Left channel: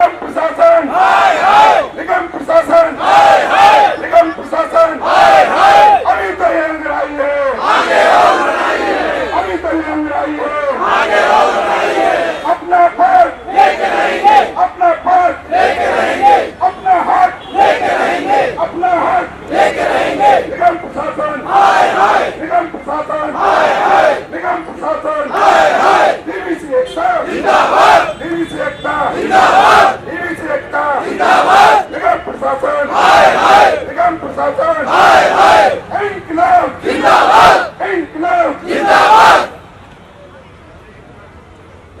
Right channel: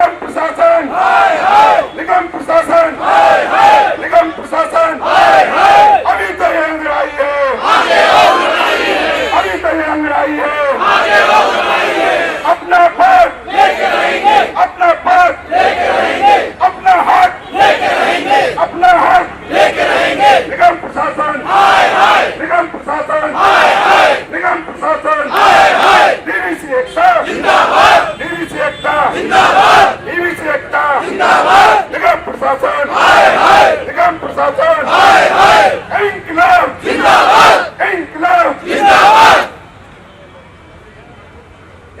प्रशासन निगम प्रशासन निगम प्रशासन अभी तो ये अंगड़ाई है, अभी तो ये अंगड़ाई है। अपना पद लेके रहेंगे, अपना पद लेके रहेंगे, अपना हक लेके रहेंगे, अपना हक लेके रहेंगे। निगम प्रशासन निगम प्रशासन निगम प्रशासन डीवीसी एकता जिंदाबाद, डीवीसी एकता जिंदाबाद, डीवीसी एकता जिंदाबाद। निगम प्रशासन निगम प्रशासन इंकलाब जिंदाबाद, इंकलाब जिंदाबाद,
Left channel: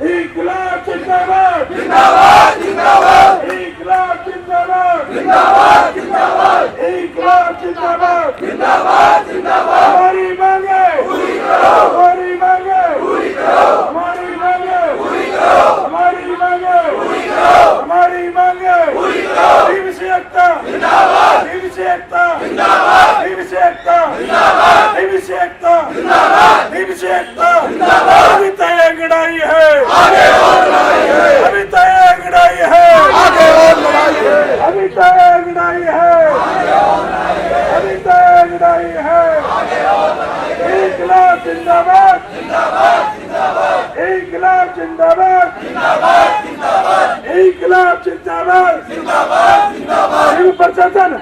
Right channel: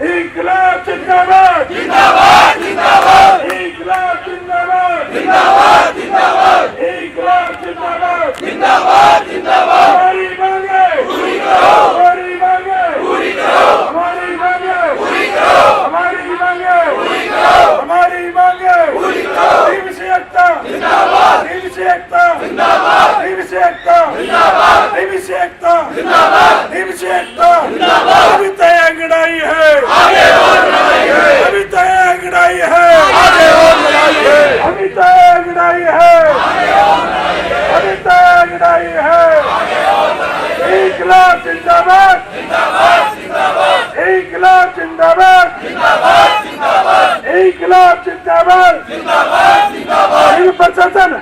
इंकलाब जिंदाबाद, जिंदाबाद जिंदाबाद, इंकलाब जिंदाबाद, जिंदाबाद जिंदाबाद, इंकलाब जिंदाबाद, जिंदाबाद जिंदाबाद। हमारी मांगे पूरी करो, हमारी मांगे पूरी करो, हमारी मांगे पूरी करो, हमारी मांगे पूरी करो, हमारी मांगे पूरी करो। डीवीसी एकता जिंदाबाद, डीवीसी एकता जिंदाबाद, डीवीसी एकता जिंदाबाद, डीवीसी एकता जिंदाबाद, डीवीसी एकता जिंदाबाद। अभी तय अंगड़ाई है, आगे और लड़ाई है, अभी तय अंगड़ाई है, आगे और लड़ाई है, अभी तय अंगड़ाई है, आगे और लड़ाई है, अभी तय अंगड़ाई है, आगे और लड़ाई है। इंकलाब जिंदाबाद, जिंदाबाद जिंदाबाद, इंकलाब जिंदाबाद, जिंदाबाद जिंदाबाद, इंकलाब जिंदाबाद, जिंदाबाद जिंदाबाद। निगम प्रशासन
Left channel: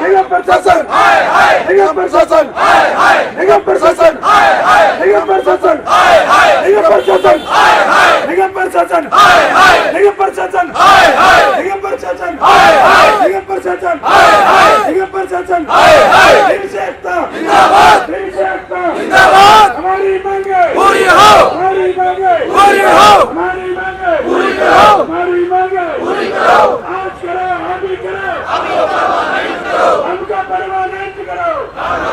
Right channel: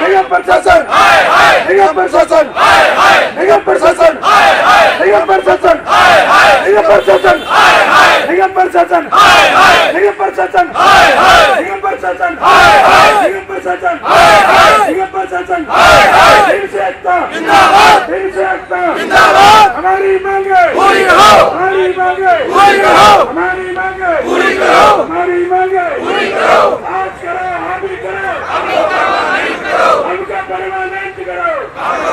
निगम प्रशासन निगम प्रशासन निगम प्रशासन निगम प्रशासन निगम प्रशासन निगम प्रशासन निगम प्रशासन निगम प्रशासन निगम प्रशासन निगम प्रशासन। डीवीसी एकता जिंदाबाद, डीवीसी एकता जिंदाबाद। हमारी मांगे पूरी करो, हमारी मांगे पूरी करो, हमारी मांगे पूरी करो, हमारी मांगे पूरी करो। आज करो, अभी करो, हमको परमानेंट करो, आज करो, अभी करो, हमको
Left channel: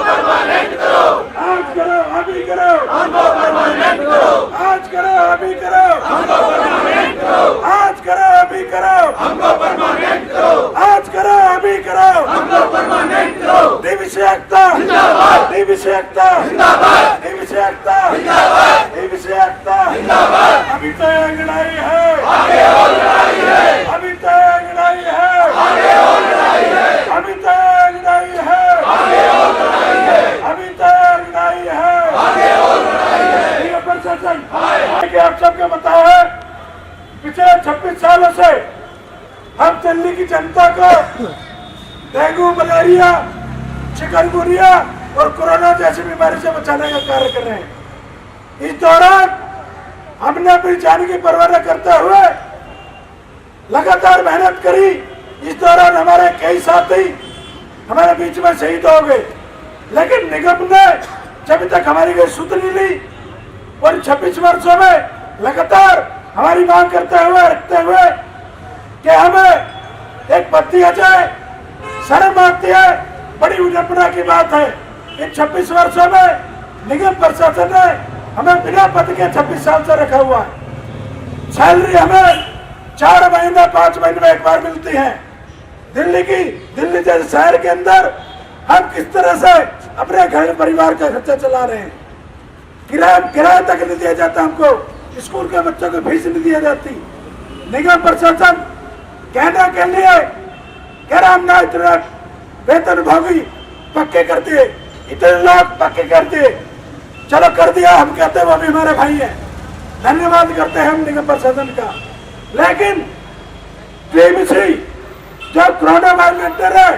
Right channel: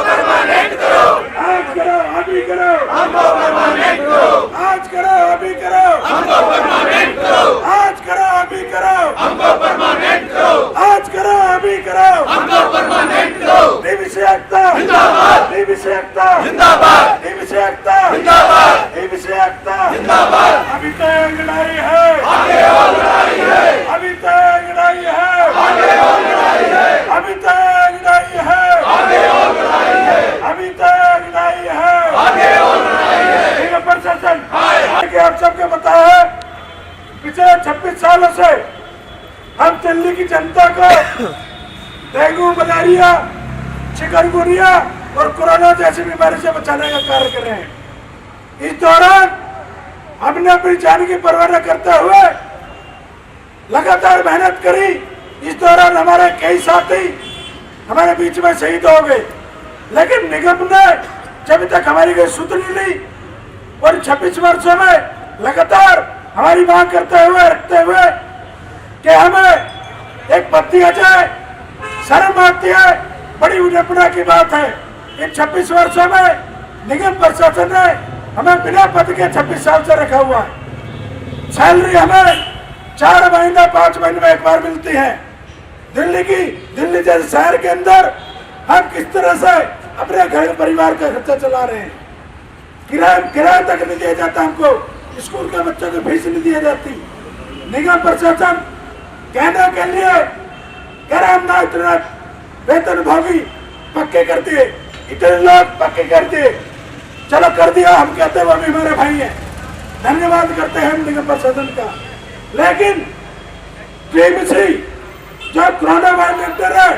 परमानेंट करो, आज करो, अभी करो, हमको परमानेंट करो, आज करो, अभी करो, हमको परमानेंट करो, आज करो, अभी करो, हमको परमानेंट करो, आज करो, अभी करो, हमको परमानेंट करो। डीवीसी एकता जिंदाबाद, डीवीसी एकता जिंदाबाद, डीवीसी एकता जिंदाबाद, डीवीसी एकता जिंदाबाद। अभी तय अंगड़ाई है, आगे और लड़ाई है, अभी तय अंगड़ाई है, आगे और लड़ाई है, अभी तय अंगड़ाई है, आगे और लड़ाई है, अभी तय अंगड़ाई है, आगे और लड़ाई है। निगम प्रशासन कि आप सबको पता है पिछले 26 सालों से हम दिल्ली की जनता को डेंगू, मलेरिया, चिकनगुनिया और कोरोना जैसी बीमारी से बचाने का कार्य कर रहे हैं। इस दौरान हमने अपनी जान की परवाह न करते हुए लगातार मेहनत करी। इस दौरान हमारे कई साथी हमारे बीच में शहीद हो गए, लेकिन निगम ने जब तक हमारी कोई सुध नहीं ली और 26 वर्षों में लगातार हमारी मांग करते हुए रखते हुए कि हमें एक पत्ती आ जाए, शर्म आती है, बड़ी विडंबना की बात है। इन 26 वर्षों में निगम प्रशासन ने हमें बिना पद के 26 साल से रखा हुआ है। सैलरी हमें 4 महीने 5 महीने में एक बार मिलती है। दिल्ली जैसे शहर के अंदर हम किस तरह से अपने घर परिवार का खर्चा चला रहे हैं। किराया तक नहीं दिया जाता, हमको स्कूल के बच्चों को फीस नहीं दी जाती। निगम प्रशासन कहने के लिए कह रहा हमने इतने वेतन भोगी पक्के कर दिए, इतने लोग पक्के कर दिए, चलो कर दिया, हम कहते हैं वो भी हमारे भाई हैं, धन्यवाद करते हैं हम निगम प्रशासन का। लेकिन डीवीसी जो कोरोना वॉलंटियर है,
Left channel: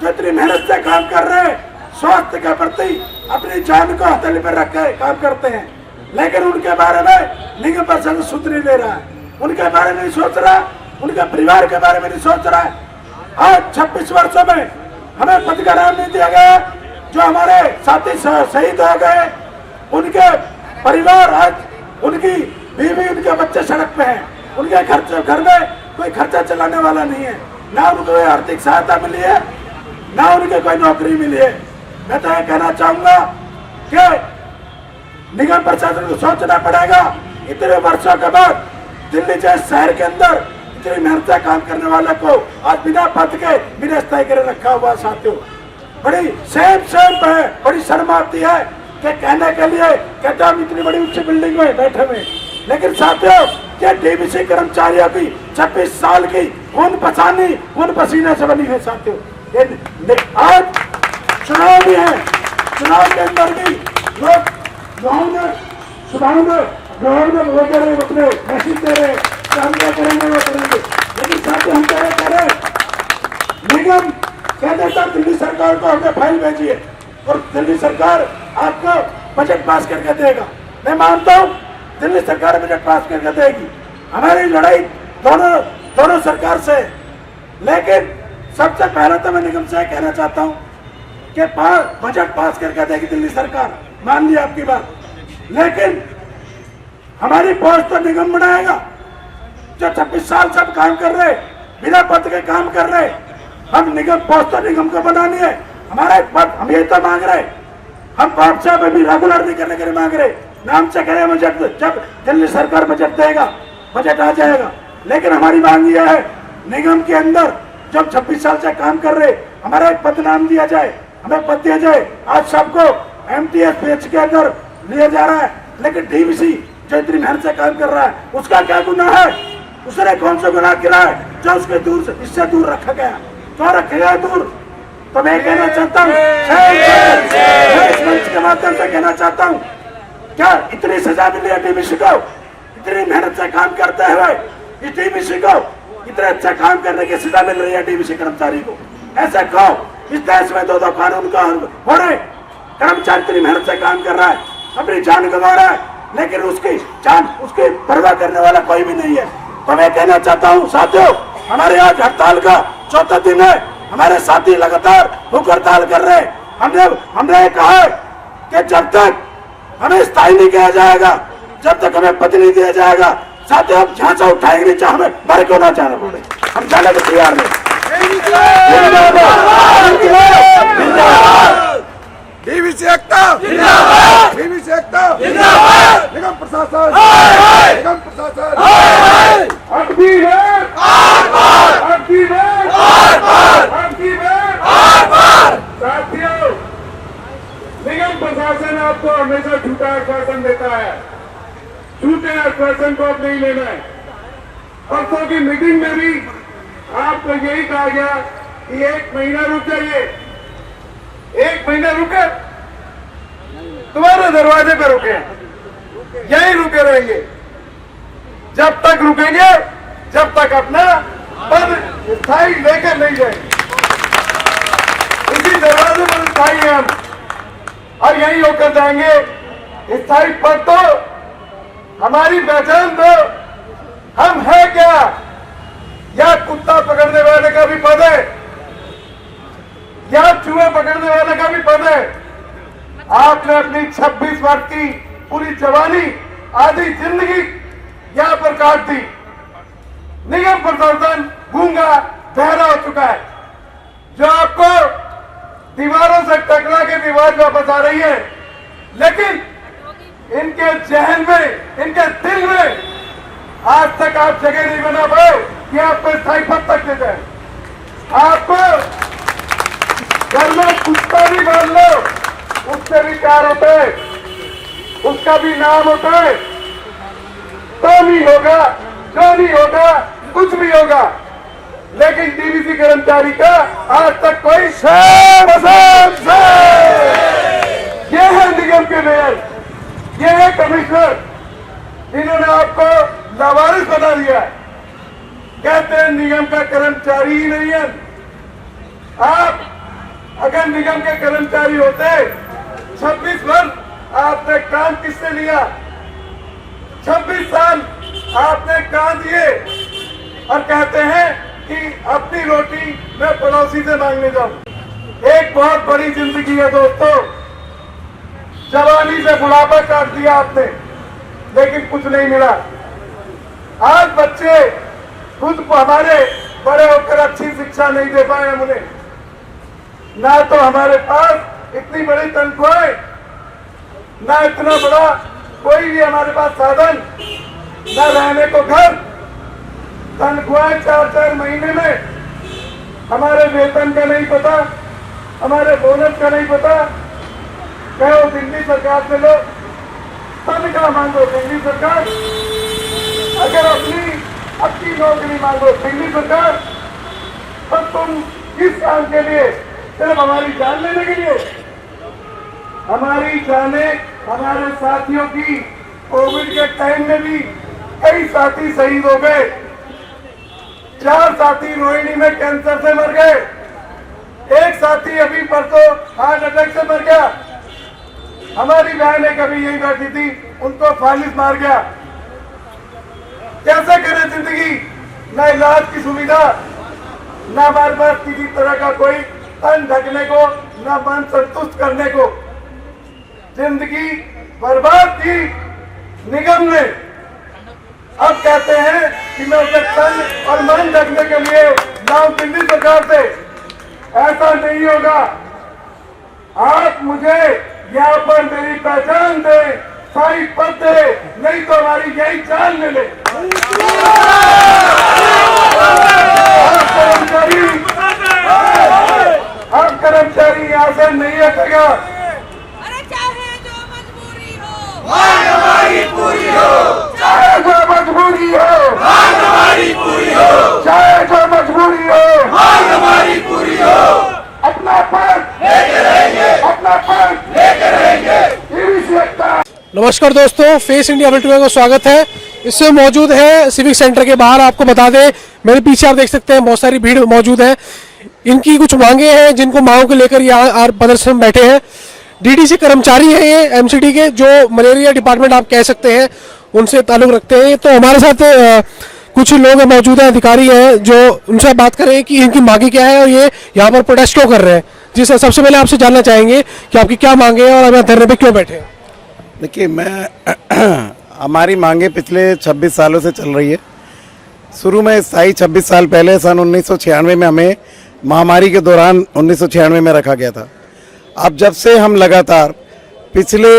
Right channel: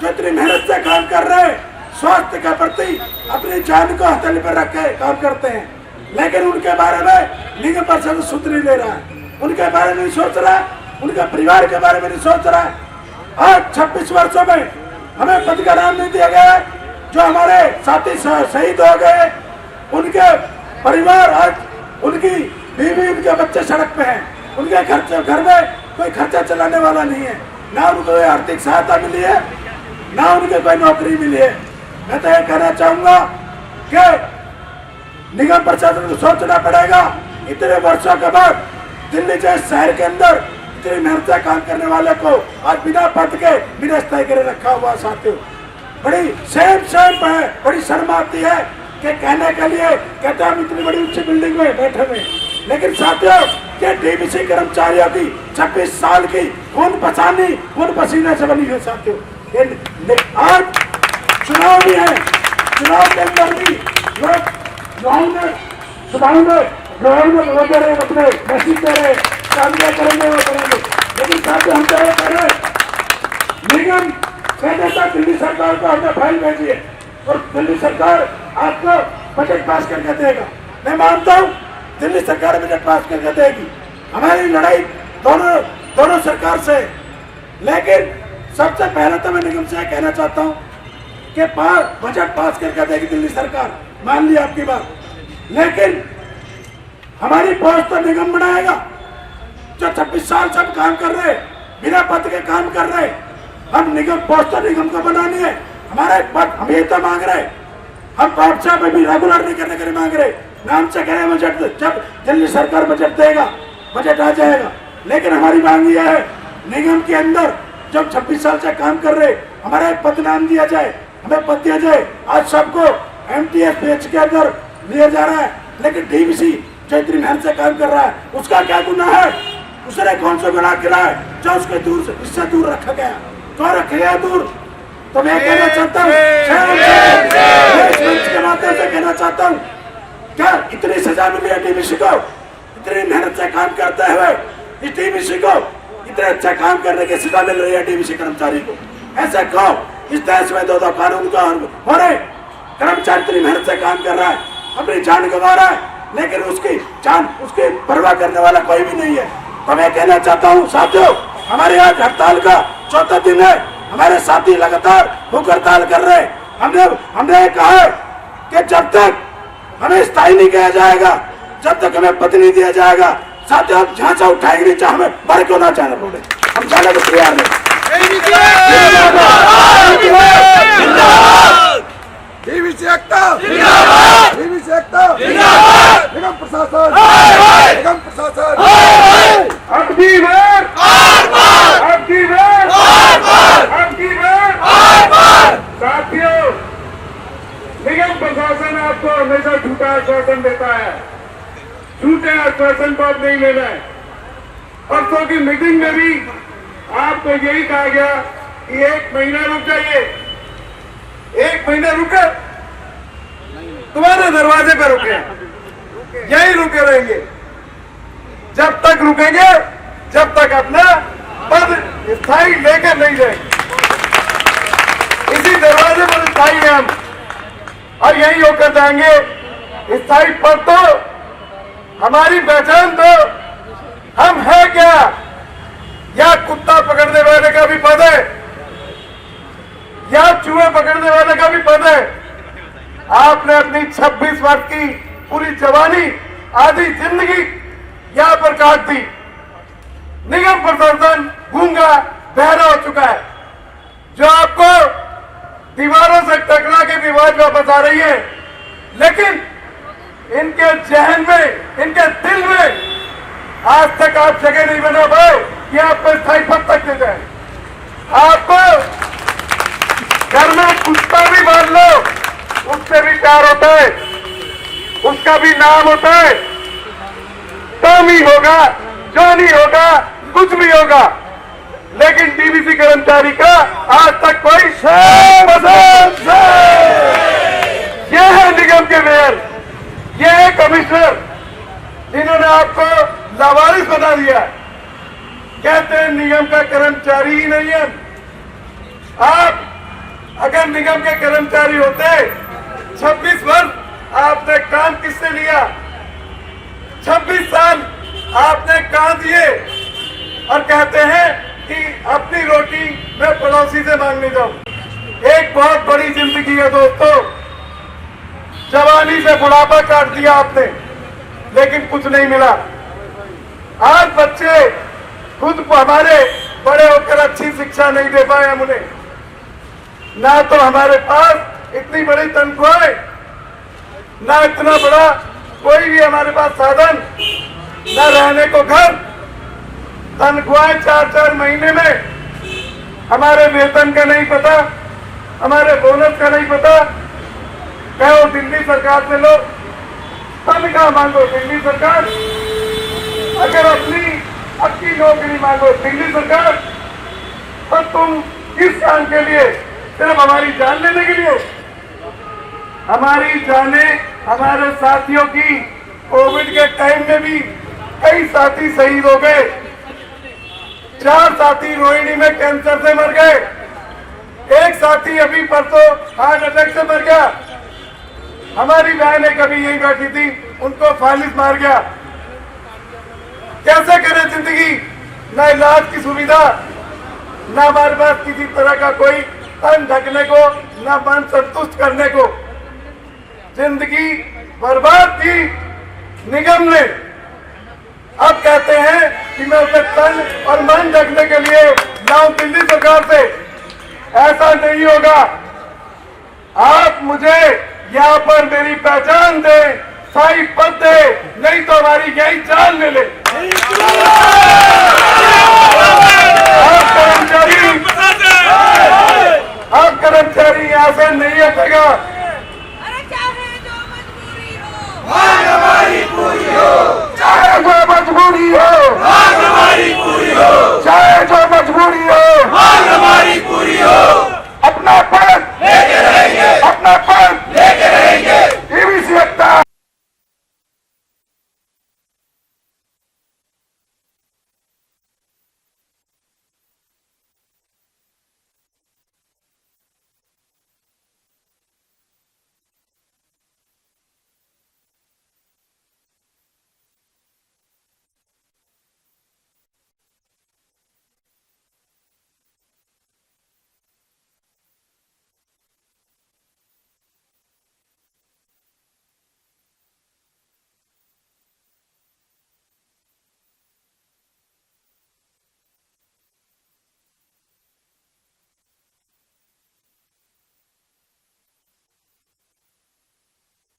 जो इतनी मेहनत से काम कर रहे हैं, स्वास्थ्य के प्रति अपनी जान को हथेली पर रख के काम करते हैं, लेकिन उनके बारे में निगम प्रशासन सुध नहीं ले रहा है, उनके बारे में नहीं सोच रहा, उनके परिवार के बारे में नहीं सोच रहा है। आज 26 वर्षों में हमें पद का नाम नहीं दिया गया। जो हमारे साथी शहीद हो गए, उनके परिवार, आज उनकी बीवी, उनके बच्चे सड़क पे हैं, उनके घर में कोई खर्चा चलाने वाला नहीं है, ना उनको कोई आर्थिक सहायता मिली है, ना उनके कोई नौकरी मिली है। मैं तो ये कहना चाहूंगा कि निगम प्रशासन को सोचना पड़ेगा। इतने वर्षों के बाद दिल्ली जैसे शहर के अंदर इतनी मेहनत से काम करने वाले को आज बिना पद के निरस्ताई करे रखा हुआ साथियों। बड़ी सेम है, बड़ी शर्म आती है कि कहने के लिए कहते हम इतनी बड़ी ऊंची बिल्डिंग में बैठे हुए, लेकिन साथियों ये डीवीसी कर्मचारियों की 26 साल की खून पसीने से बनी है साथियों। आज चुनाव भी है, चुनाव के अंदर भी लोग वो कह रहे अपने मैसेज दे रहे करेंगे वो करेंगे, लेकिन साथियों हम कह रहे निगम कहते दिल्ली सरकार को हमने फाइल भेजी है और दिल्ली सरकार आपको बजट पास करके देगा। मैं मानता हूँ दिल्ली सरकार बजट पास करके देगी, हमारी लड़ाई दोनों सरकार से, लेकिन सबसे पहले तो मैं निगम से कहना चाहता हूँ कि बजट पास करके देगी दिल्ली सरकार, मान ली आपकी बात, लेकिन हमारी पोस्ट तो निगम बनाएगा जो 26 साल से काम कर रहे, बिना पद के काम कर रहे। हम निगम पोस्ट तो निगम को बनानी है, हमारा एक पद हम ये तो मांग रहे, हम आपसे भी रेगुलर नहीं करने के लिए मांग रहे, नाम से कह रहे बजट, जब दिल्ली सरकार बजट देगा बजट आ जाएगा, लेकिन हमारी मांग ये है निगम के अंदर जब 26 साल से काम कर रहे हमारा एक पद नाम दिया जाए, हमें पद दिया जाए। आज सबको MTS PH के अंदर लिया जा रहा है, लेकिन डीवीसी जो इतनी मेहनत से काम कर रहा है उसका क्या गुनाह है, उसने कौन सा गुनाह किया है जो उसके इससे दूर रखा गया, तो रखा गया दूर। तो मैं कहना चाहता हूँ इस मंच के माध्यम से कहना चाहता हूँ, क्या इतनी सजा मिली है डीवीसी को, इतनी मेहनत से काम करते हुए इस डीवीसी को इतने अच्छा काम करने की सजा मिल रही है डीवीसी कर्मचारी को? ऐसे कहो, इस देश में दो कानून का हो रहे, कर्मचारी इतनी मेहनत से काम कर रहा है, अपनी जान गंवा रहा है, लेकिन उसकी परवाह करने वाला कोई भी नहीं है। तो मैं कहना चाहता हूँ साथियों, हमारे आज हड़ताल का चौथा दिन है, हमारे साथी लगातार भूख हड़ताल कर रहे हैं। हमने कहा है कि जब तक हमें स्थायी नहीं किया जाएगा, जब तक हमें पद नहीं दिया जाएगा, साथियों हम झांसा उठाएंगे नहीं, चाहे हमें मर क्यों ना जाना पड़े, हम जाने को तैयार नहीं। डीवीसी एकता, डीवीसी एकता, निगम प्रशासन, निगम प्रशासन, अब की बार, अब की बार, अब की बार, साथियों निगम प्रशासन आपको हमेशा झूठा आश्वासन देता है, झूठे आश्वासन को अब नहीं लेना है। परसों की मीटिंग में भी आपको यही कहा गया कि 1 महीना रुक जाइए, 1 महीना रुके, तुम्हारे दरवाजे पे रुके, यही रुके रहेंगे, जब तक रुकेंगे जब तक अपना पद स्थायी लेकर नहीं जाएंगे। इसी दरवाजे पर स्थायी हैं हम, और यही होकर जाएंगे। स्थायी पद तो हमारी पहचान तो हम है क्या, या कुत्ता पकड़ने वाले का भी पद है, या चूहे पकड़ने वाले का भी पद है। आपने अपनी 26 वर्ष की पूरी जवानी, आधी जिंदगी यहां पर काट दी। निगम प्रशासन गूंगा बहरा हो चुका है, जो आपको दीवारों से टकरा के भी आवाज वापस आ रही है, लेकिन इनके जहन में, इनके दिल में आज तक आप जगह नहीं बना पाए कि आपको स्थायी पद तक दे जाए। आपको घर में कुत्ता भी मान लो, उससे भी प्यार होता है, उसका भी नाम होता है, टॉमी होगा, जॉनी होगा, कुछ भी होगा, लेकिन डीवीसी कर्मचारी का आज तक कोई ये है निगम के मेयर, ये है कमिश्नर, जिन्होंने आपको लावारिस बना दिया। कहते हैं निगम का कर्मचारी ही नहीं है। आप अगर निगम के कर्मचारी होते, 26 वर्ष आपने काम किससे लिया, 26 साल आपने काम दिए, और कहते हैं कि अपनी रोटी मैं पड़ोसी से मांगने जाऊं। एक बहुत बड़ी जिंदगी है दोस्तों, जवानी से बुढ़ापा काट दिया आपने, लेकिन कुछ नहीं मिला। आज बच्चे खुद हमारे बड़े होकर अच्छी शिक्षा नहीं दे पाए हम उन्हें, ना तो हमारे पास इतनी बड़ी तनख्वाह, ना इतना बड़ा कोई भी हमारे पास साधन, ना रहने को घर, तनख्वाह 4-4 महीने में, हमारे वेतन का नहीं पता, हमारे बोनस का नहीं पता। कहो दिल्ली सरकार से लो, तनख्वाह मांगो दिल्ली सरकार, अगर अपनी नौकरी मांगो दिल्ली सरकार, तो तुम किस काम के लिए? सिर्फ हमारी जान लेने के लिए? हमारी जाने, हमारे साथियों की कोविड के टाइम में भी कई साथी शहीद हो गए। 4 साथी रोहिणी में कैंसर से मर गए, एक साथी अभी परसों हार्ट अटैक से मर गया। हमारी बहनें कभी यही बैठी थी, उनको फालिस मार गया। कैसे करें जिंदगी? न इलाज की सुविधा, न हमारे पास किसी तरह का कोई तन ढकने को, न मन संतुष्ट करने को। जिंदगी बर्बाद की निगम ने। अब कहते हैं कि मैं उसे तन और मन ढकने के लिए लाऊं दिल्ली सरकार से। ऐसा नहीं होगा। आप मुझे यहाँ पर मेरी पहचान दे, साई पद दे, नहीं तो हमारी यही जान ले ले। आप कर्मचारी यहाँ से नहीं हटेगा। चाहे जो मजबूरी हो, मांग हमारी पूरी हो, चाहे जो मजबूरी हो, मांग हमारी पूरी हो, चाहे जो मजबूरी हो, मांग हमारी पूरी हो। अपना पद लेके रहेंगे, अपना पद लेके रहेंगे। डीवीसी एकता। नमस्कार दोस्तों, फेस इंडिया बुलेटिन में स्वागत है। इससे मौजूद है सिविक सेंटर के बाहर। आपको बता दें, मेरे पीछे आप देख सकते हैं बहुत सारी भीड़ मौजूद है। इनकी कुछ मांगे हैं, जिनको मांगों को लेकर यहाँ प्रदर्शन में बैठे हैं। डीडीसी कर्मचारी हैं ये एमसीडी के, जो मलेरिया डिपार्टमेंट आप कह सकते हैं, उनसे ताल्लुक रखते हैं। तो हमारे साथ कुछ लोग मौजूद हैं, अधिकारी हैं, जो उनसे बात करें कि इनकी मांगे क्या है और ये यहाँ पर प्रोटेस्ट क्यों कर रहे हैं। जी सर, सबसे पहले आपसे जानना चाहेंगे कि आपकी क्या मांगे हैं और अब धरने पे क्यों बैठे हैं। देखिए, हमारी मांगे पिछले 26 सालों से चल रही है। शुरू में स्थायी 26 साल पहले सन 1996 में हमें महामारी के दौरान 1996 में रखा गया था। अब जब से हम लगातार पिछले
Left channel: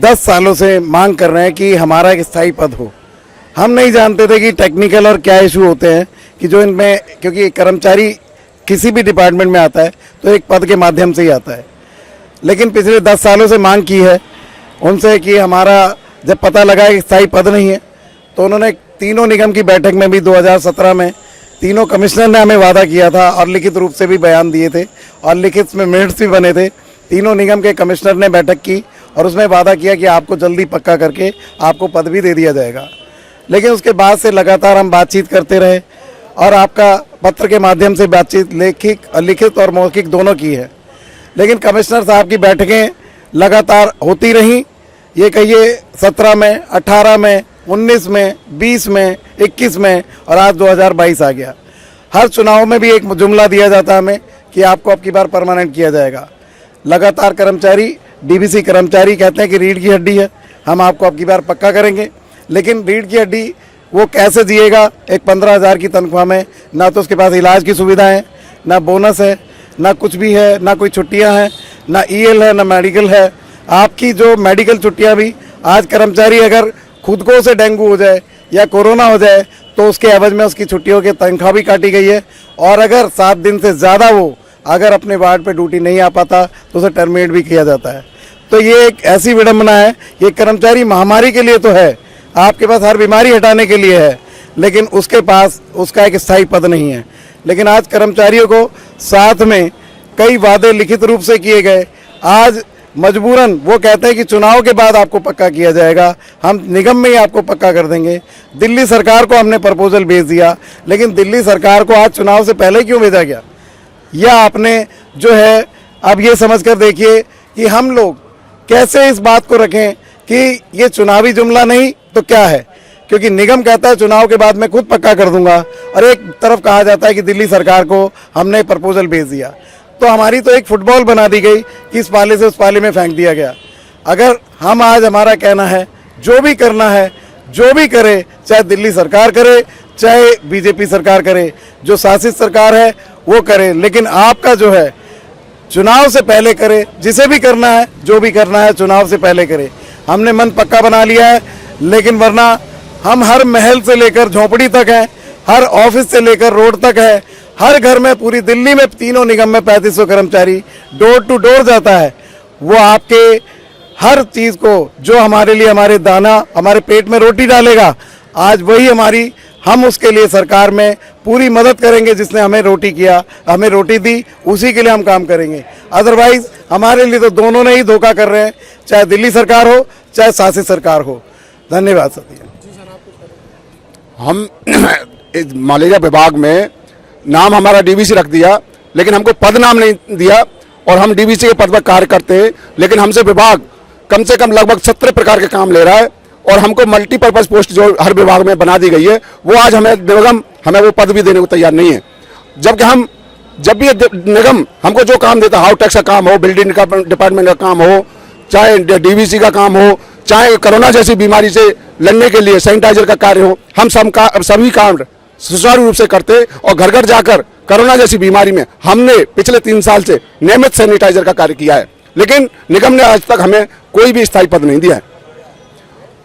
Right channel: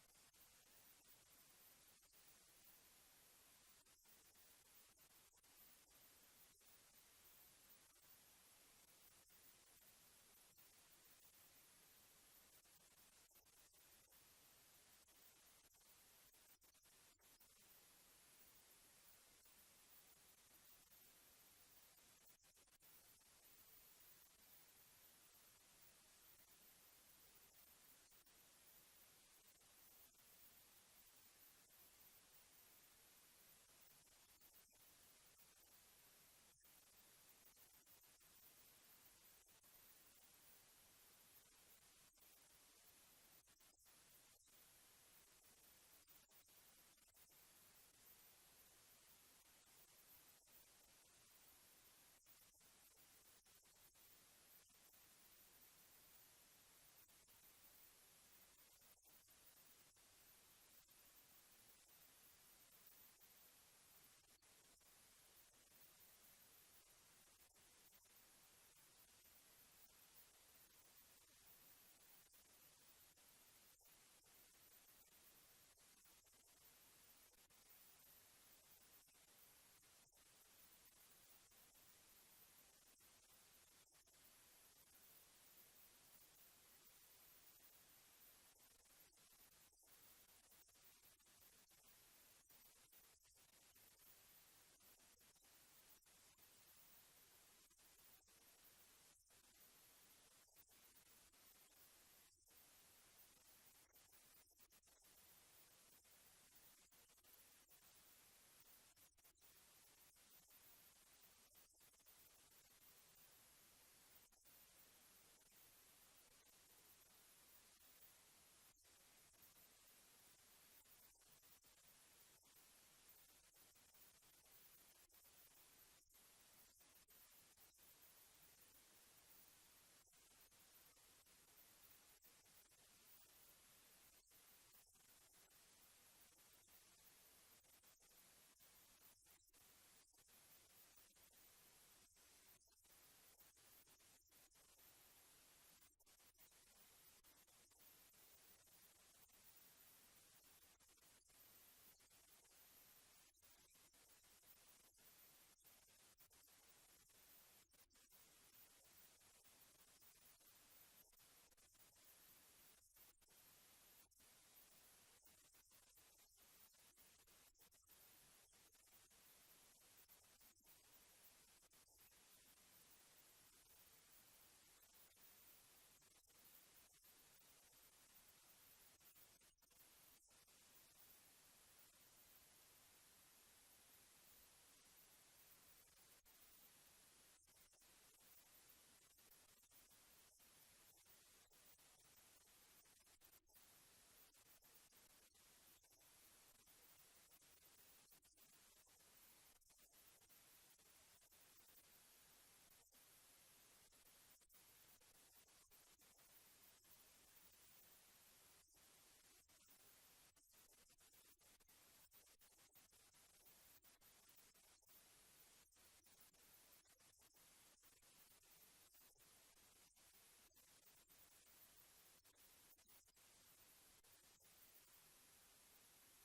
10 सालों से मांग कर रहे हैं कि हमारा एक स्थायी पद हो। हम नहीं जानते थे कि टेक्निकल और क्या इशू होते हैं कि जो इनमें, क्योंकि कर्मचारी किसी भी डिपार्टमेंट में आता है तो एक पद के माध्यम से ही आता है। लेकिन पिछले 10 सालों से मांग की है उनसे कि हमारा जब पता लगा कि स्थायी पद नहीं है, तो उन्होंने तीनों निगम की बैठक में भी 2017 में तीनों कमिश्नर ने हमें वादा किया था और लिखित रूप से भी बयान दिए थे और लिखित में मिनट्स भी बने थे। तीनों निगम के कमिश्नर ने बैठक की और उसमें वादा किया कि आपको जल्दी पक्का करके आपको पद भी दे दिया जाएगा। लेकिन उसके बाद से लगातार हम बातचीत करते रहे और आपका पत्र के माध्यम से बातचीत लिखित और मौखिक दोनों की है। लेकिन कमिश्नर साहब की बैठकें लगातार होती रहीं। ये कहिए 17 में, 18 में, 19 में, 20 में, 21 में और आज 2022 आ गया। हर चुनाव में भी एक जुमला दिया जाता है हमें कि आपको अब की बार परमानेंट किया जाएगा। लगातार कर्मचारी, डीवीसी कर्मचारी कहते हैं कि रीढ़ की हड्डी है, हम आपको अब की बार पक्का करेंगे। लेकिन रीढ़ की हड्डी वो कैसे जिएगा एक 15,000 की तनख्वाह में? ना तो उसके पास इलाज की सुविधा है, ना बोनस है, ना कुछ भी है, ना कोई छुट्टियां हैं, ना ईएल है, ना मेडिकल है। आपकी जो मेडिकल छुट्टियां भी, आज कर्मचारी अगर खुद को से डेंगू हो जाए या कोरोना हो जाए तो उसके एवज में उसकी छुट्टियों की तनख्वाह भी काटी गई है। और अगर 7 दिन से ज़्यादा वो अगर अपने वार्ड पे ड्यूटी नहीं आ पाता तो उसे टर्मिनेट भी किया जाता है। तो ये एक ऐसी विडम्बना है। ये कर्मचारी महामारी के लिए तो है, आपके पास हर बीमारी हटाने के लिए है, लेकिन उसके पास उसका एक स्थायी पद नहीं है। लेकिन आज कर्मचारियों को साथ में कई वादे लिखित रूप से किए गए। आज मजबूरन वो कहते हैं कि चुनाव के बाद आपको पक्का किया जाएगा, हम निगम में ही आपको पक्का कर देंगे। दिल्ली सरकार को हमने प्रपोजल भेज दिया, लेकिन दिल्ली सरकार को आज चुनाव से पहले क्यों भेजा गया? या आपने जो है अब ये समझ कर देखिए कि हम लोग कैसे इस बात को रखें कि ये चुनावी जुमला नहीं तो क्या है। क्योंकि निगम कहता है चुनाव के बाद मैं खुद पक्का कर दूंगा, और एक तरफ कहा जाता है कि दिल्ली सरकार को हमने प्रपोजल भेज दिया। तो हमारी तो एक फुटबॉल बना दी गई कि इस पाले से उस पाले में फेंक दिया गया। अगर हम आज, हमारा कहना है जो भी करना है, जो भी करे, चाहे दिल्ली सरकार करे, चाहे बीजेपी सरकार करे, जो शासित सरकार है वो करे, लेकिन आपका जो है चुनाव से पहले करे। जिसे भी करना है, जो भी करना है, चुनाव से पहले करे। हमने मन पक्का बना लिया है, लेकिन वरना हम हर महल से लेकर झोपड़ी तक हैं, हर ऑफिस से लेकर रोड तक है, हर घर में पूरी दिल्ली में तीनों निगम में 3500 कर्मचारी डोर टू डोर जाता है। वो आपके हर चीज को जो हमारे लिए हमारे दाना हमारे पेट में रोटी डालेगा, आज वही हमारी, हम उसके लिए सरकार में पूरी मदद करेंगे। जिसने हमें रोटी किया, हमें रोटी दी, उसी के लिए हम काम करेंगे। अदरवाइज हमारे लिए तो दोनों ने ही धोखा कर रहे हैं, चाहे दिल्ली सरकार हो चाहे शासित सरकार हो। धन्यवाद सर। हम मलेरिया विभाग में नाम हमारा डीवीसी रख दिया, लेकिन हमको पद नाम नहीं दिया और हम डीवीसी के पद पर कार्य करते हैं, लेकिन हमसे विभाग कम से कम लगभग 17 प्रकार के काम ले रहा है और हमको मल्टीपर्पज पोस्ट जो हर विभाग में बना दी गई है, वो आज हमें निगम हमें वो पद भी देने को तैयार नहीं है। जबकि हम जब भी निगम हमको जो काम देता है, हाउस टैक्स का काम हो, बिल्डिंग का डिपार्टमेंट का काम हो, चाहे डीवीसी का काम हो, चाहे कोरोना जैसी बीमारी से लड़ने के लिए सैनिटाइजर का कार्य हो, हम सभी काम सुचारू रूप से करते और घर घर जाकर कोरोना जैसी बीमारी में हमने पिछले 3 साल से नियमित सैनिटाइजर का कार्य किया है। लेकिन निगम ने आज तक हमें कोई भी स्थायी पद नहीं दिया है।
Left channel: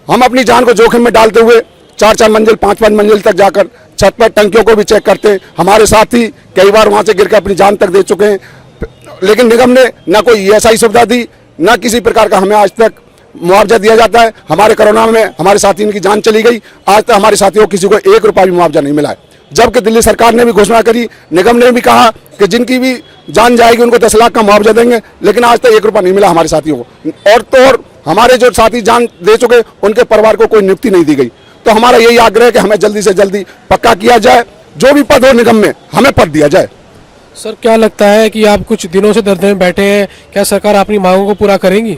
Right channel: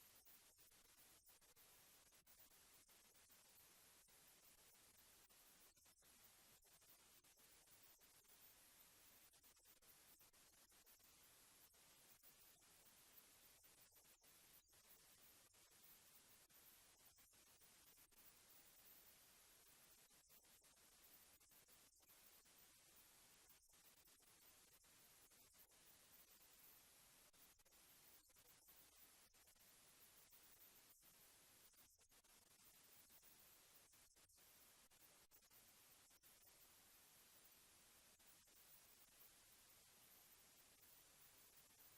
हम अपनी जान को जोखिम में डालते हुए 4-4 मंजिल 5-5 मंजिल तक जाकर छत पर टंकियों को भी चेक करते हैं। हमारे साथी कई बार वहां से गिर के अपनी जान तक दे चुके हैं, लेकिन निगम ने न कोई ईएसआई सुविधा दी, न किसी प्रकार का हमें आज तक मुआवजा दिया जाता है। हमारे कोरोना में हमारे साथियों की जान चली गई, आज तक हमारे साथियों को किसी को 1 रुपया भी मुआवजा नहीं मिला है। जबकि दिल्ली सरकार ने भी घोषणा करी, निगम ने भी कहा कि जिनकी भी जान जाएगी उनको 10 लाख का मुआवजा देंगे, लेकिन आज तक 1 रुपया नहीं मिला हमारे साथियों को। और तो और हमारे जो साथी जान दे चुके उनके परिवार को कोई नियुक्ति नहीं दी गई। तो हमारा यही आग्रह है कि हमें जल्दी से जल्दी पक्का किया जाए, जो भी पद हो निगम में हमें पद दिया जाए। सर क्या लगता है कि आप कुछ दिनों से धरने में बैठे हैं, क्या सरकार अपनी मांगों को पूरा करेंगी?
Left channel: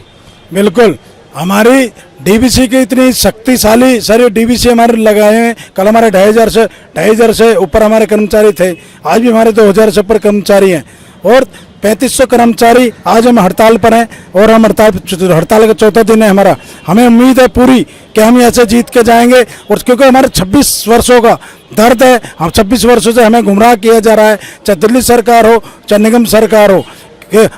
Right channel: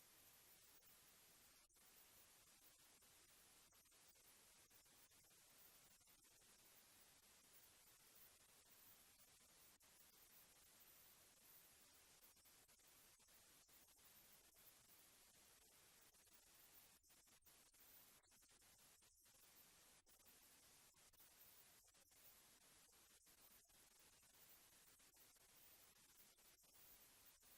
बिल्कुल, हमारी डीवीसी की इतनी शक्तिशाली सारे डीवीसी हमारे लगाए हैं। कल हमारे 2,500 से ऊपर हमारे कर्मचारी थे, आज भी हमारे 2,000 से ऊपर कर्मचारी हैं और 3500 कर्मचारी आज हम हड़ताल पर हैं और हम हड़ताल का 4था दिन है हमारा। हमें उम्मीद है पूरी कि हम ऐसे जीत के जाएंगे और क्योंकि हमारे 26 वर्षों का दर्द है, हम 26 वर्षों से हमें गुमराह किया जा रहा है, चाहे दिल्ली सरकार हो चाहे निगम सरकार हो।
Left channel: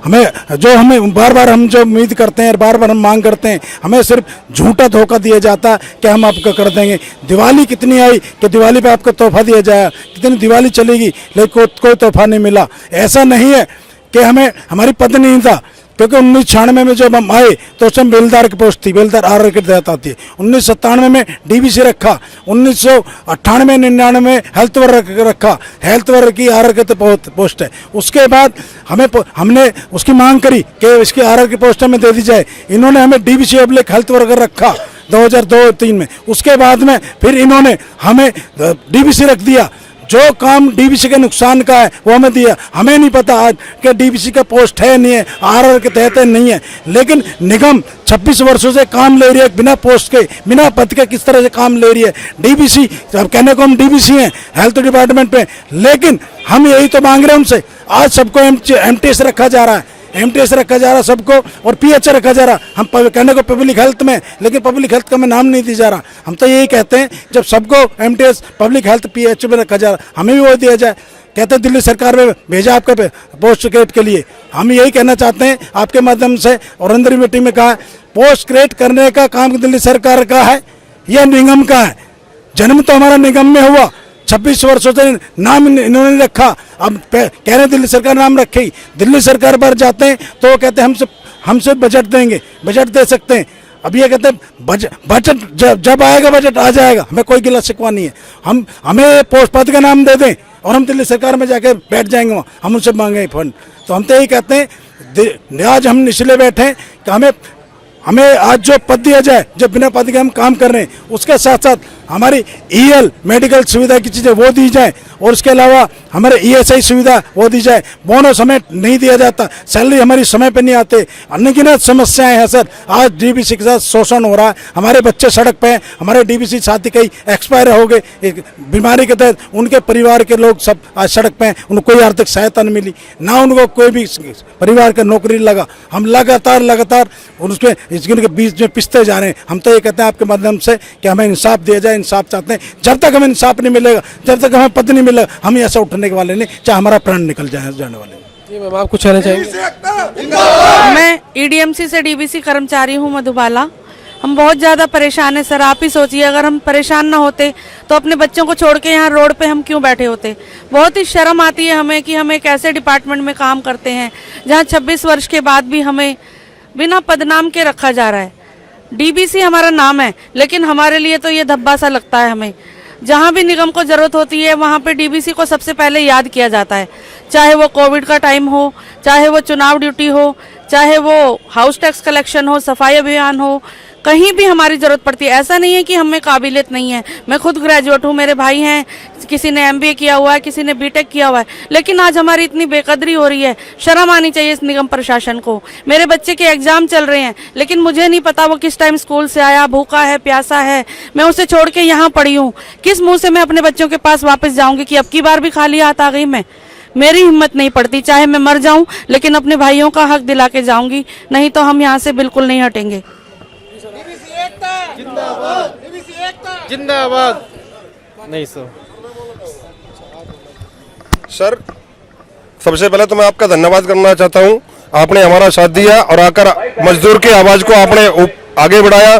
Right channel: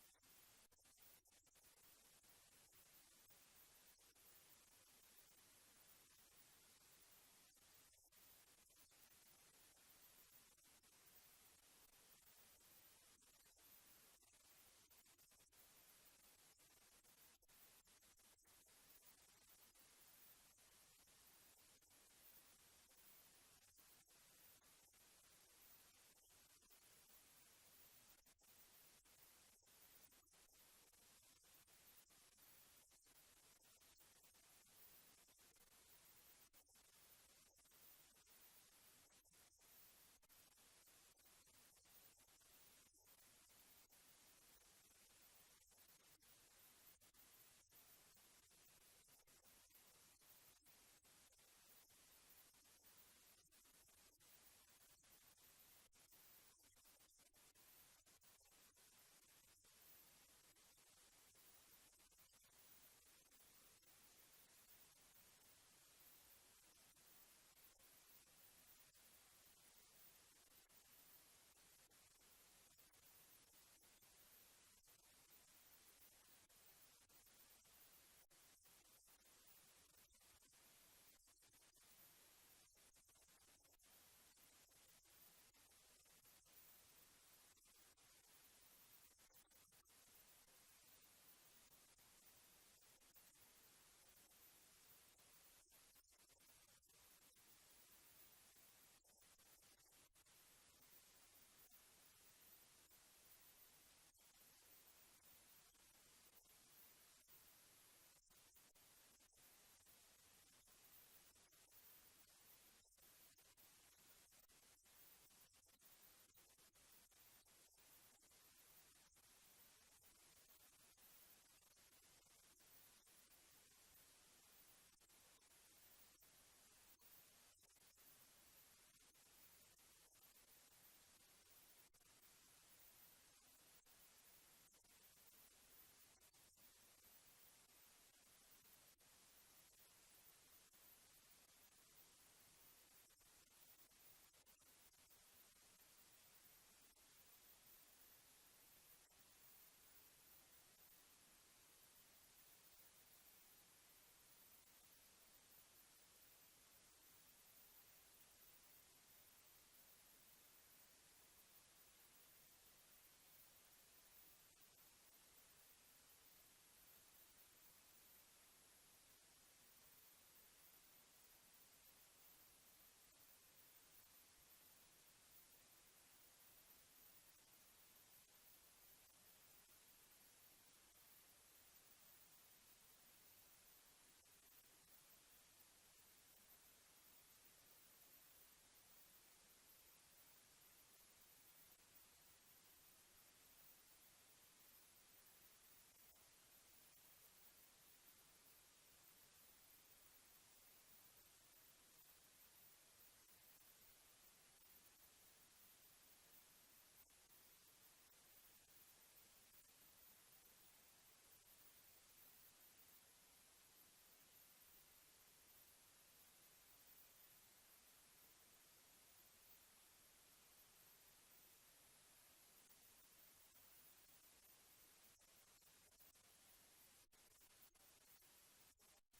हमें बार बार हम जो उम्मीद करते हैं, बार बार हम मांग करते हैं, हमें सिर्फ झूठा धोखा दिया जाता है कि हम आपको कर देंगे। दिवाली कितनी आई कि दिवाली पे आपको तोहफा दिया जाए, कितनी दिवाली चलेगी लेकिन कोई तोहफा नहीं मिला। ऐसा नहीं है कि हमें हमारी पद नहीं था, क्योंकि 1996 में जब हम आए तो उस समय बेलदार की पोस्ट थी, बेलदार आर की तहत आती है। 1997 में डीवीसी रखा, 1998-99 में हेल्थ वर्क रखा, हेल्थ वर्क की आर की पोस्ट है। उसके बाद हमने उसकी मांग करी कि इसकी आर की पोस्ट हमें दे दी जाए, इन्होंने हमें डीवीसी पब्लिक हेल्थ वर्कर रखा 2002-03 में। उसके बाद में फिर इन्होंने हमें डीवीसी रख दिया। जो काम डीवीसी के नुकसान का है वो हमें दिया। हमें नहीं पता आज कि डीवीसी का पोस्ट है नहीं है, आरआर के तहत नहीं है, लेकिन निगम 26 वर्षों से काम ले रही है बिना पोस्ट के, बिना पद के किस तरह से काम ले रही है। डीवीसी अब कहने को हम डीवीसी हैं हेल्थ डिपार्टमेंट पे, लेकिन हम यही तो मांग रहे हैं उनसे। आज सबको एमटीएस रखा जा रहा है, एमटीएस रखा जा रहा सबको और पीएच रखा जा रहा। हम कहने को पब्लिक हेल्थ में, लेकिन पब्लिक हेल्थ का हमें नाम नहीं दिया जा रहा। हम तो यही कहते हैं जब सबको एमटीएस पब्लिक हेल्थ पीएच में रखा जा रहा, हमें भी वो दिया जाए। कहते हैं दिल्ली सरकार में भेजा आपके पोस्ट क्रिएट के लिए। हम यही कहना चाहते हैं आपके माध्यम से, और अंदर मीटिंग में कहा पोस्ट क्रिएट करने का काम दिल्ली सरकार का है या निगम का है। जन्म तो हमारा निगम में हुआ, 26 वर्षों से नाम इन्होंने रखा, अब कह रहे दिल्ली सरकार नाम रखे। दिल्ली सरकार पर जाते हैं तो वो कहते हैं हमसे बजट देंगे, बजट दे सकते हैं। अब ये कहते हैं बजट जब आएगा बजट आ जाएगा, हमें कोई गिला शिकवा नहीं है। हमें पोस्ट पद का नाम दे दें और हम दिल्ली सरकार में जाके बैठ जाएंगे, वहाँ हम उनसे मांगे फंड। तो हम तो यही कहते हैं आज हम निचले बैठे हैं कि हमें आज जो पद दिया जाए, जो बिना पद के हम काम कर रहे हैं, उसके साथ साथ हमारी ईएल मेडिकल सुविधा की चीज़ें वो दी जाए और उसके अलावा हमारे ईएसआई सुविधा वो दी जाए। बोनस हमें नहीं दिया जाता, सैलरी हमारी समय पे नहीं आते, अनगिनत समस्याएं हैं सर। आज डीवीसी के साथ शोषण हो रहा है, हमारे बच्चे सड़क पे हैं, हमारे डीवीसी साथी कई एक्सपायर हो गए बीमारी के तहत, उनके परिवार के लोग सब आज सड़क पे हैं, उनको कोई आर्थिक सहायता नहीं मिली, ना उनको कोई भी परिवार का नौकरी लगा। हम लगातार उसके इसके बीच में पिसते जा रहे हैं। हम तो ये कहते हैं आपके माध्यम से कि हमें इंसाफ दिया जाए, इंसाफ चाहते हैं। जब तक हमें इंसाफ नहीं मिलेगा, जब तक हमें पद नहीं मिलेगा, हम ऐसा उठने के वाले नहीं, चाहे हमारा प्राण निकल जाने वाले। जी मैम, आप कुछ कहना चाहेंगे? मैं ईडीएमसी से डीवीसी कर्मचारी हूँ मधुबाला। हम बहुत ज़्यादा परेशान हैं सर। आप ही सोचिए, अगर हम परेशान ना होते तो अपने बच्चों को छोड़ के यहाँ रोड पे हम क्यों बैठे होते। बहुत ही शर्म आती है हमें कि हम एक ऐसे डिपार्टमेंट में काम करते हैं जहाँ 26 वर्ष के बाद भी हमें बिना पदनाम के रखा जा रहा है। डीबीसी हमारा नाम है, लेकिन हमारे लिए तो ये धब्बा सा लगता है। हमें जहाँ भी निगम को ज़रूरत होती है वहाँ पे डीबीसी को सबसे पहले याद किया जाता है, चाहे वो कोविड का टाइम हो, चाहे वो चुनाव ड्यूटी हो, चाहे वो हाउस टैक्स कलेक्शन हो, सफाई अभियान हो, कहीं भी हमारी ज़रूरत पड़ती है। ऐसा नहीं है कि हमें काबिलियत नहीं है। मैं खुद ग्रेजुएट हूँ, मेरे भाई हैं, किसी ने MBA किया हुआ है, किसी ने BTech किया हुआ है, लेकिन आज हमारी इतनी बेकदरी हो रही है। शर्म आनी चाहिए इस निगम प्रशासन को। मेरे बच्चे के एग्जाम चल रहे हैं, लेकिन मुझे नहीं पता वो किस टाइम स्कूल से आया, भूखा है, प्यासा है, मैं उसे छोड़ के यहाँ पड़ी हूँ। किस मुँह से मैं अपने बच्चों के पास वापस जाऊँगी कि अब की बार भी खाली हाथ आ गई मैं? मेरी हिम्मत नहीं पड़ती, चाहे मैं मर जाऊं, लेकिन अपने भाइयों का हक दिला के जाऊंगी, नहीं तो हम यहाँ से बिल्कुल नहीं हटेंगे। जिंदाबाद। नहीं सर, सबसे पहले तो मैं आपका धन्यवाद करना चाहता हूं। आपने हमारा साथ दिया और आकर मजदूर की आवाज को आपने आगे बढ़ाया।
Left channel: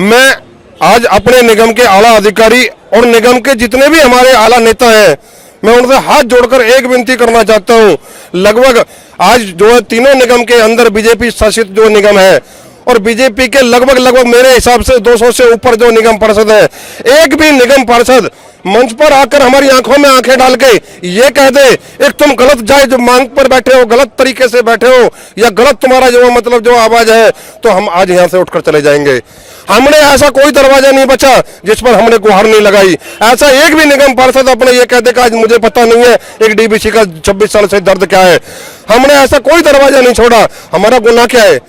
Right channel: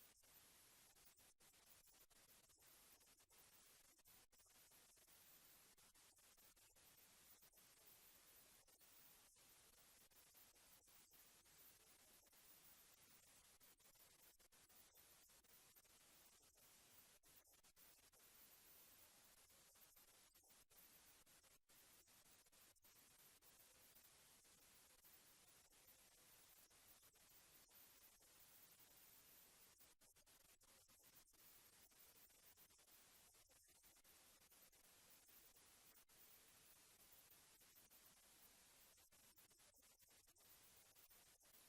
मैं आज अपने निगम के आला अधिकारी और निगम के जितने भी हमारे आला नेता हैं, मैं उनसे हाथ जोड़कर एक विनती करना चाहता हूं। लगभग आज जो है तीनों निगम के अंदर बीजेपी शासित जो निगम है और बीजेपी के लगभग मेरे हिसाब से 200 से ऊपर जो निगम पार्षद है, एक भी निगम पार्षद मंच पर आकर हमारी आंखों में आंखें डाल के ये कह दे एक तुम गलत जायज मांग पर बैठे हो, गलत तरीके से बैठे हो, या गलत तुम्हारा जो मतलब जो आवाज है, तो हम आज यहाँ से उठकर चले जाएंगे। हमने ऐसा कोई दरवाजा नहीं बचा जिस पर हमने गुहार नहीं लगाई। ऐसा एक भी निगम पार्षद अपने ये कहते कि आज मुझे पता नहीं है एक डीबीसी का 26 साल से दर्द क्या है। हमने ऐसा कोई दरवाजा नहीं छोड़ा। हमारा गुनाह क्या है?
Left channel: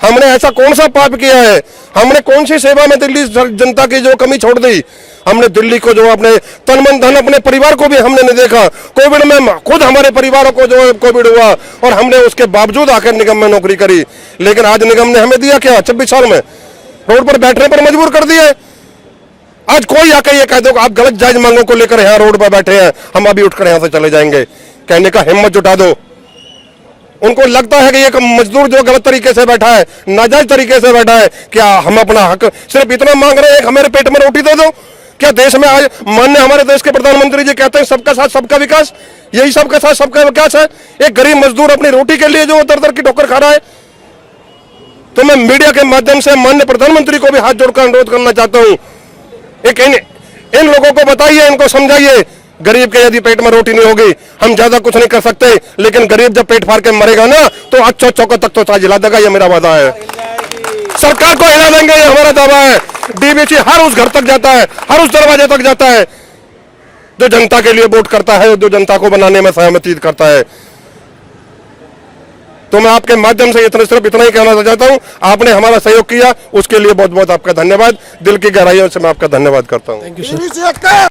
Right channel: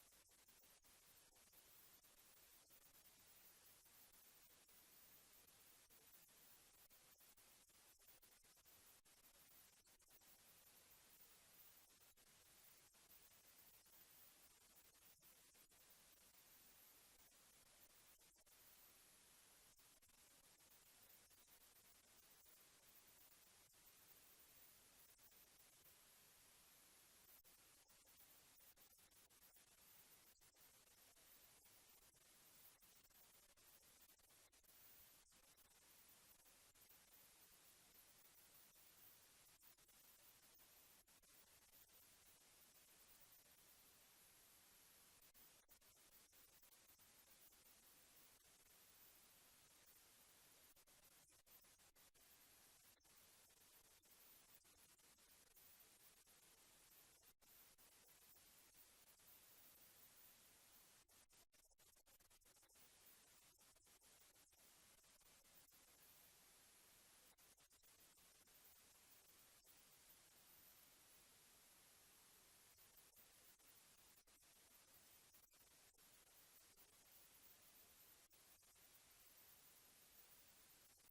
हमने ऐसा कौन सा पाप किया है? हमने कौन सी सेवा में दिल्ली जनता की जो कमी छोड़ दी? हमने दिल्ली को जो अपने तन मन धन, अपने परिवार को भी हमने नहीं देखा। कोविड में खुद हमारे परिवारों को जो कोविड हुआ और हमने उसके बावजूद आकर निगम में नौकरी करी। लेकिन आज निगम ने हमें दिया क्या? 26 साल में रोड पर बैठने पर मजबूर कर दिया। आज कोई आकर ये कह दो आप गलत जायज मांगों को लेकर यहाँ रोड पर बैठे हैं, हम अभी उठकर यहाँ से चले जाएंगे, कहने का हिम्मत जुटा दो। उनको लगता है कि एक मजदूर जो गलत तरीके से बैठा है, नाजायज तरीके से बैठा है, क्या हम अपना हक सिर्फ इतना मांग रहे हैं, हमारे पेट में रोटी दे दो? क्या देश में आज माननीय हमारे देश के प्रधानमंत्री जी कहते हैं सबका साथ सबका विकास? यही सबका साथ सबका विकास है? एक गरीब मजदूर अपनी रोटी के लिए जो दर दर की ठोकर खा रहा है। तो मैं मीडिया के माध्यम से माननीय प्रधानमंत्री को भी हाथ जोड़कर अनुरोध करना चाहता हूँ, एक इन लोगों को बताइए, इनको समझाइए, गरीब के यदि पेट में रोटी नहीं होगी हम ज्यादा कुछ नहीं कर सकते, लेकिन गरीब जब पेट फाड़ के मरेगा ना तो अच्छो चौकों तक तो ताज हिला देगा, ये मेरा वादा है। सरकार को हिला देंगे, ये हमारा दावा है। डीबीसी हर उस घर तक जाता है, हर उस दरवाजे तक जाता है जो जनता के लिए वोट करता है, जो जनता को बनाने में सहमति करता है। तो मैं आपके माध्यम से सिर्फ इतना ही कहना चाहता हूं, आपने हमारा सहयोग किया, उसके लिए बहुत बहुत आपका धन्यवाद। दिल की गहराइयों से मैं आपका धन्यवाद करता हूं।